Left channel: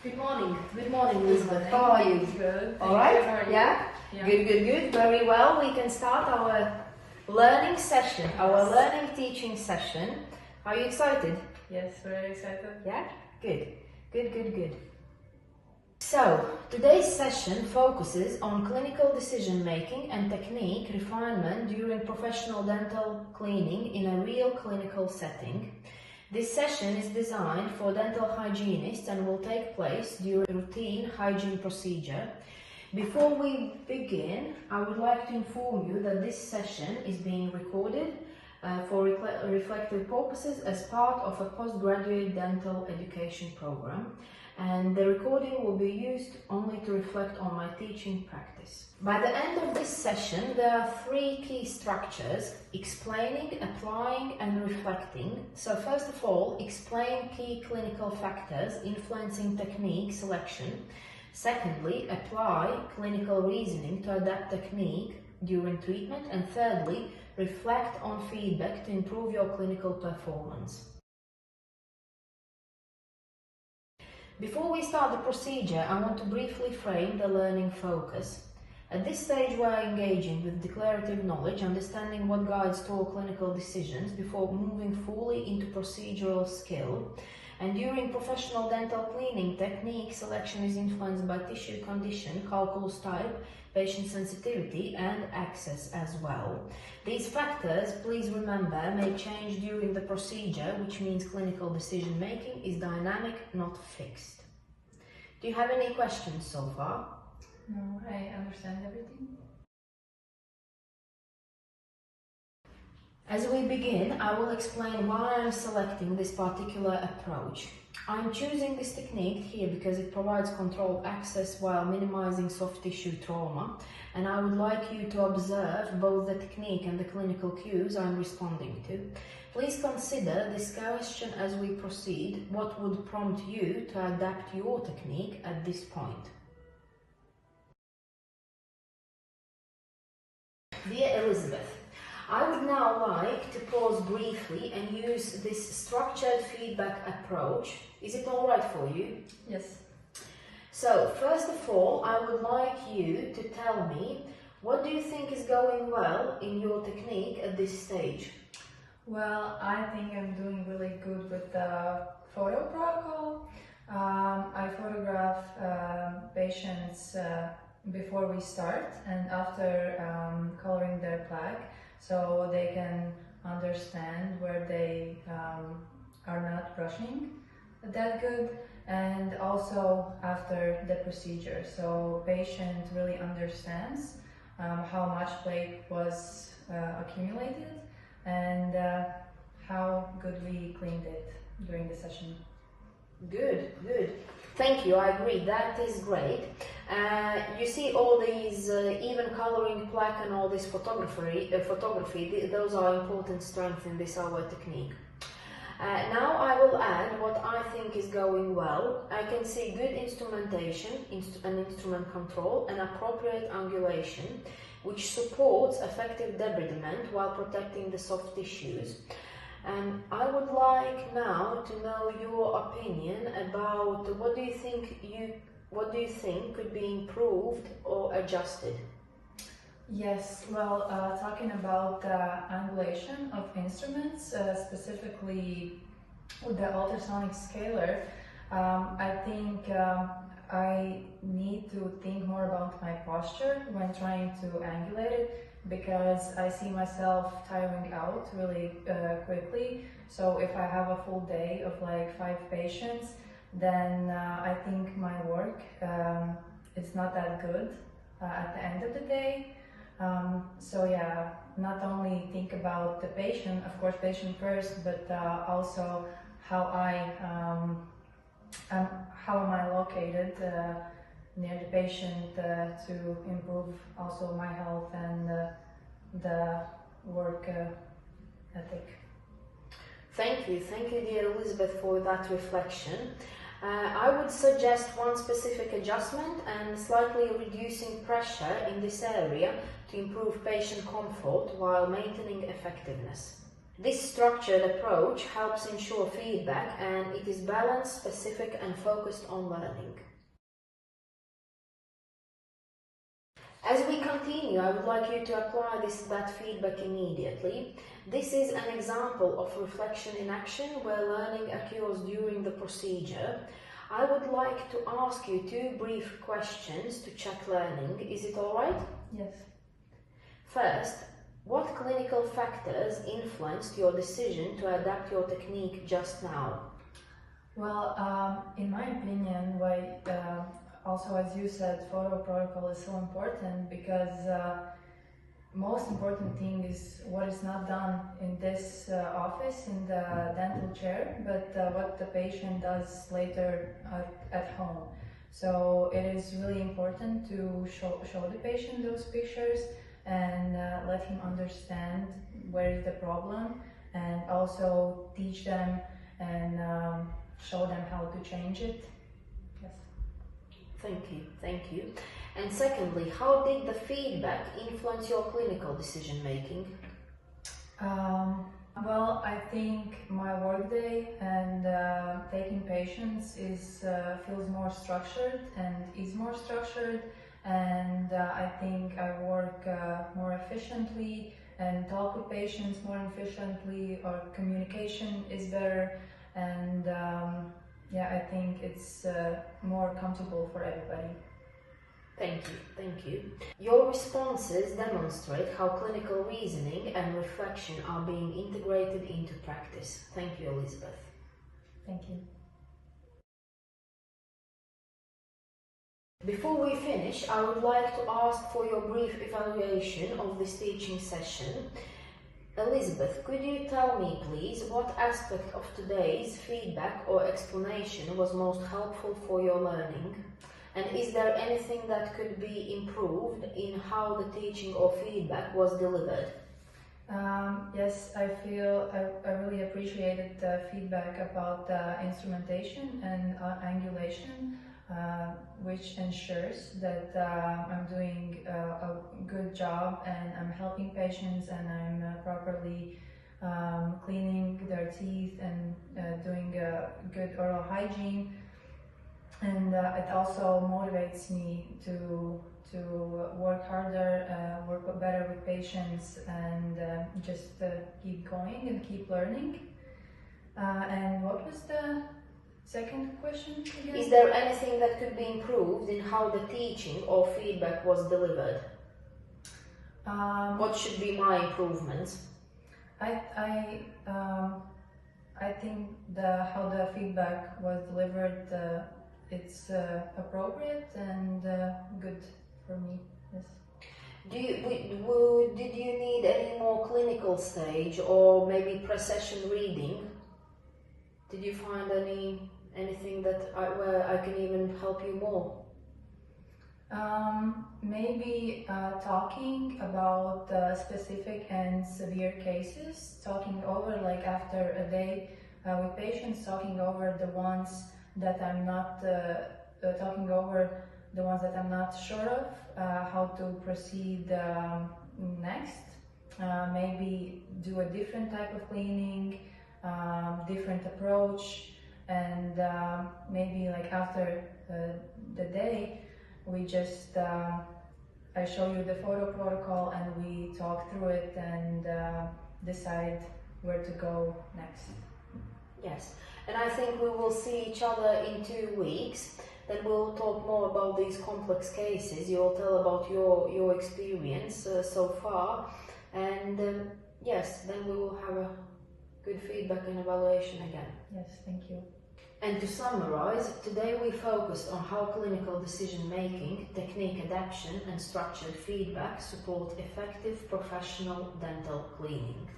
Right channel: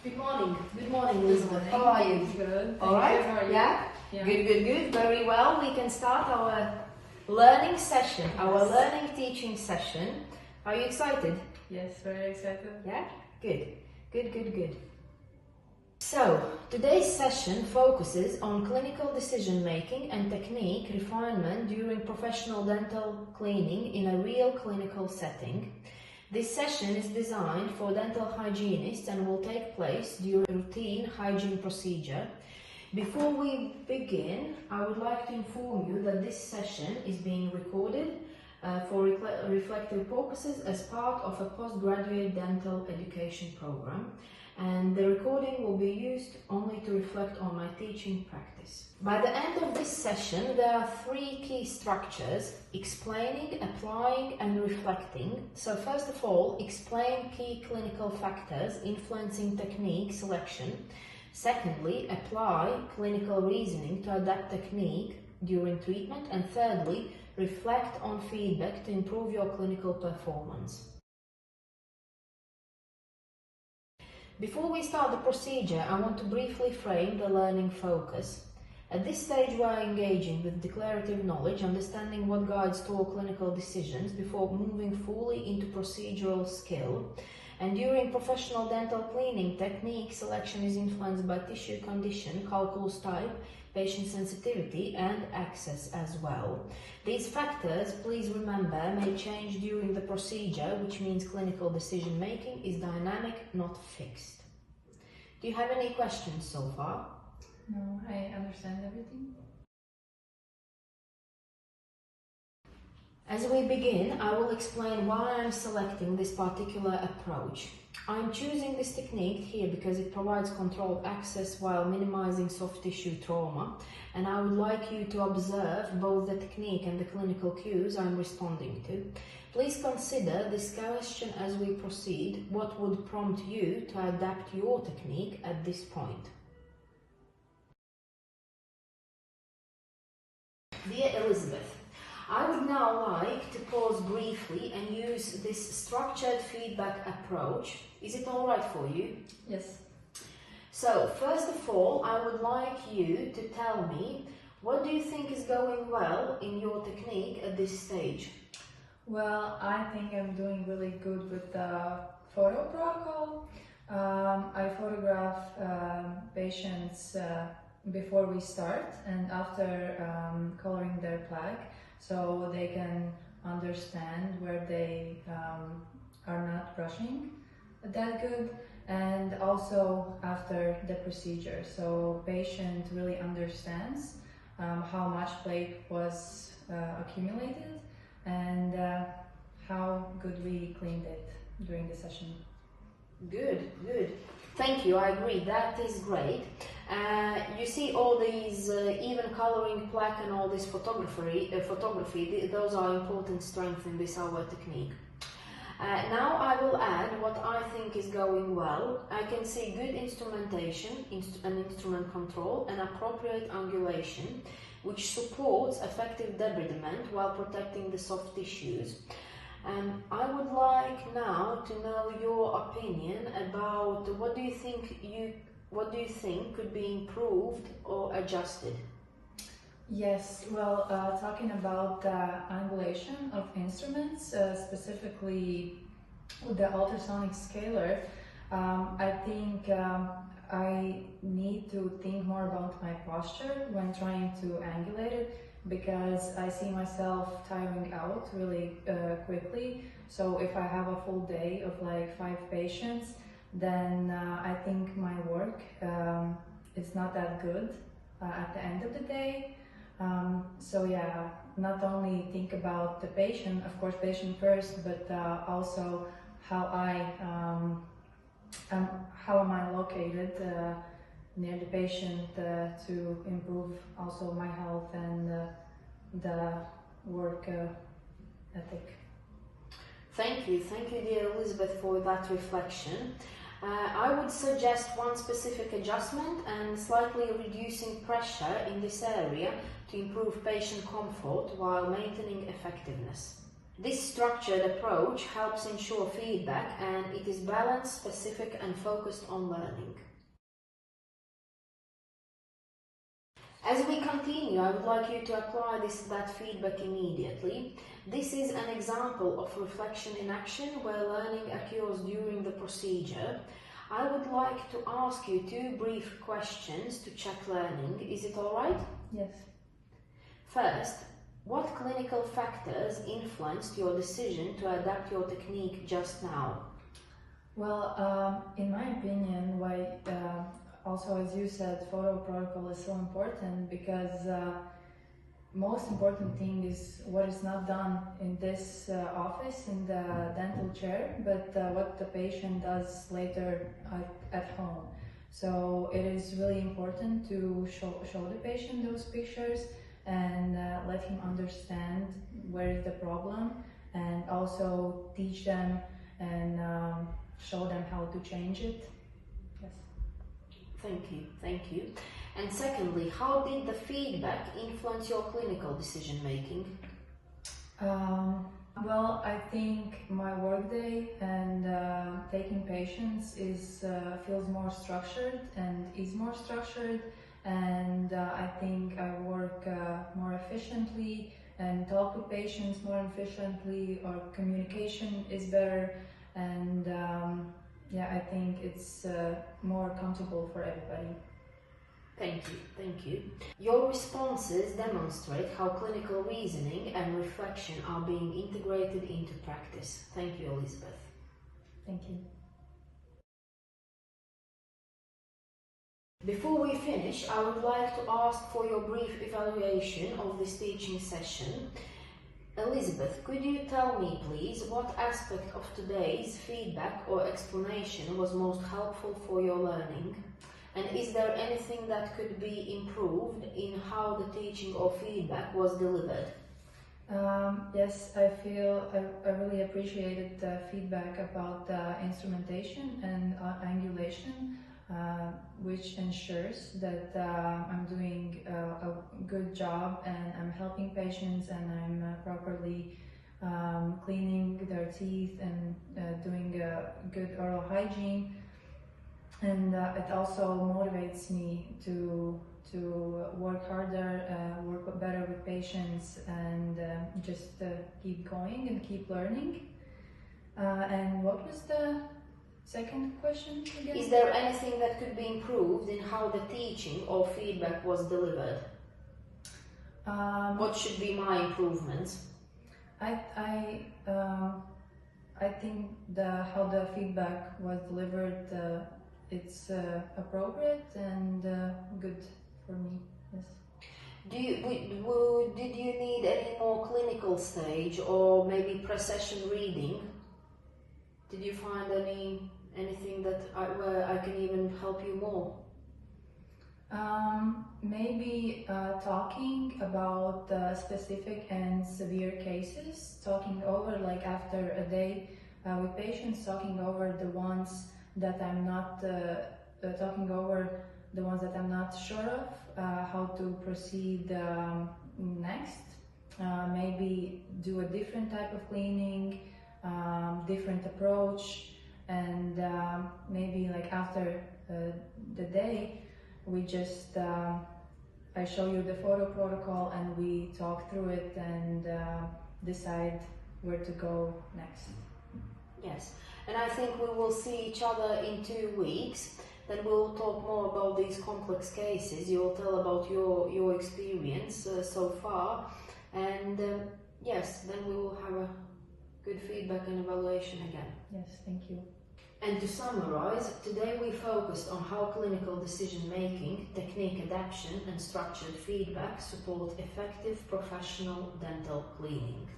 Good morning. Good morning, Elizabeth. How are you? Good. All right? Yeah? Good. Very well. We can start our learning session, our learning teaching session. Are you excited? Yes, very excited. Yeah? Good. So, today's session focuses on clinical decision making and technique refinement during professional dental cleaning in a real clinical setting. This session is designed for dental hygienists and will take place during a routine hygiene procedure. Before we begin, I would like to inform you that this session is being recorded for reflective purposes as part of a postgraduate dental education program, and the recording will be used only to reflect on my teaching practice. By the end of this session, there are three key structures: explaining, applying, and reflecting. So first of all, explain key clinical factors influencing technique selection. Secondly, apply clinical reasoning to adapt technique during treatment. And thirdly, reflect on feedback to improve your clinical performance. Before we start the procedure, I want to briefly frame the learning focus. At this stage, we are engaging with declarative knowledge, understanding what guides to clinical decisions before moving fully into procedural skill. And during professional dental cleaning, technique selection is influenced by tissue condition, calculus type, patient sensitivity, and access as well. These factors, please remember, may change during the procedure, which means clinical decision making is dynamic, not fixed. Do you have any questions so far? No, I understand everything. As we begin, I will explain why I am selecting this particular approach. I am choosing this technique here because it provides controlled access while minimizing soft tissue trauma, and I would like you to observe both the technique and the clinical cues I am responding to. Please consider this question as we proceed. What would prompt you to adapt your technique at this point? Dear Elizabeth, I would now like to pause briefly and use this structured feedback approach. Is it all right for you? Yes. So, first of all, I would like you to tell me, what do you think is going well in your technique at this stage? Well, I think I'm doing really good with the photo protocol. I photograph patients before we start and after coloring their plaque, so they can understand where they are not brushing that good, and also after the procedure, so patient really understands how much flake was accumulated and how good we cleaned it during the session. Good. Thank you, I agree, that is great. You see all these even coloring plaque and all this photography, those are important strengths in this our technique. Now I will add what I think is going well. I can see good instrumentation and instrument control and appropriate angulation, which supports effective debridement while protecting the soft tissues. And I would like now to know your opinion about what do you think could be improved or adjusted? Yes, well, talking about the angulation of instruments, specifically with the ultrasonic scaler, I think I need to think more about my posture when trying to angulate it, because I see myself tiring out really quickly. So if I have a full day of like 5 patients, then I think my work is not that good at the end of the day. So yeah, not only think about the patient, of course patient first, but also how am I located near the patient to improve also my health and the work ethic. Thank you, dear Elizabeth, for that reflection. I would suggest one specific adjustment and slightly reducing pressure in this area to improve patient comfort while maintaining effectiveness. This structured approach helps ensure feedback, and it is balanced, specific and focused on learning. As we continue, I would like you to apply that feedback immediately. This is an example of reflection in action where learning occurs during the procedure. I would like to ask you 2 brief questions to check learning. Is it alright? Yes. First, what clinical factors influenced your decision to adapt your technique just now? Well, in my opinion, also as you said, photo protocol is so important because most important thing is what is not done in this office, in the dental chair, but what the patient does later at home. So it is really important to show the patient those pictures and let him understand where is the problem, and also teach them and show them how to change it. Yes. Thank you. And secondly, how did the feedback influence your clinical decision making? Well, I think my workday and taking patients feels more structured and is more structured, and I think I work more efficiently and talk with patients more efficiently, or communication is better, and yeah, I think it's more comfortable for everybody. Thank you. Your responses demonstrate how clinical reasoning and reflection are being integrated into practice. Thank you, Elizabeth. Thank you. Before we finish, I would like to ask for your brief evaluation of this teaching session. Elizabeth, could you tell me, please, what aspect of today's feedback or explanation was most helpful for your learning? And is there anything that could be improved in how the teaching or feedback was delivered? Yes, I feel I really appreciated the feedback about the instrumentation and angulation, which ensures that I'm doing a good job and I'm helping patients and I'm properly cleaning their teeth and doing good oral hygiene. And it also motivates me to work harder, work better with patients, and just keep going and keep learning. And what was the second question again? Is there anything that could be improved in how the teaching or feedback was delivered? What should be my improvements? I think how the feedback was delivered, it's appropriate and good for me. Yes. Did you need any more clinical stage or maybe pre-session reading? Did you find anything that where I can even help you more? Maybe talking about specific and severe cases, talking over, like after a day with patients, talking over the ones that I'm not sure of, how to proceed next. Maybe do a different type of cleaning, different approach, and maybe like after the day, we just I show you the photo protocol and we talk through it and decide where to go next. Yes, and I think we will see each other in 2 weeks. Then we'll talk more about these complex cases. You'll tell about your experience so far, and yes, then we will have a good feedback and evaluation again. Yes, thank you. And to summarize, today we focused on how clinical decision-making, technique adaptation and structured feedback support effective professional dental cleaning.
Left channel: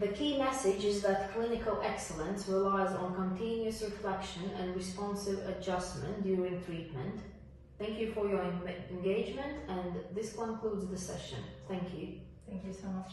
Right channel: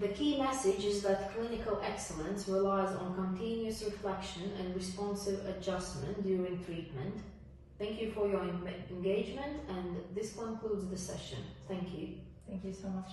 The key message is that clinical excellence relies on continuous reflection and responsive adjustment during treatment. Thank you for your engagement, and this concludes the session. Thank you. Thank you so much.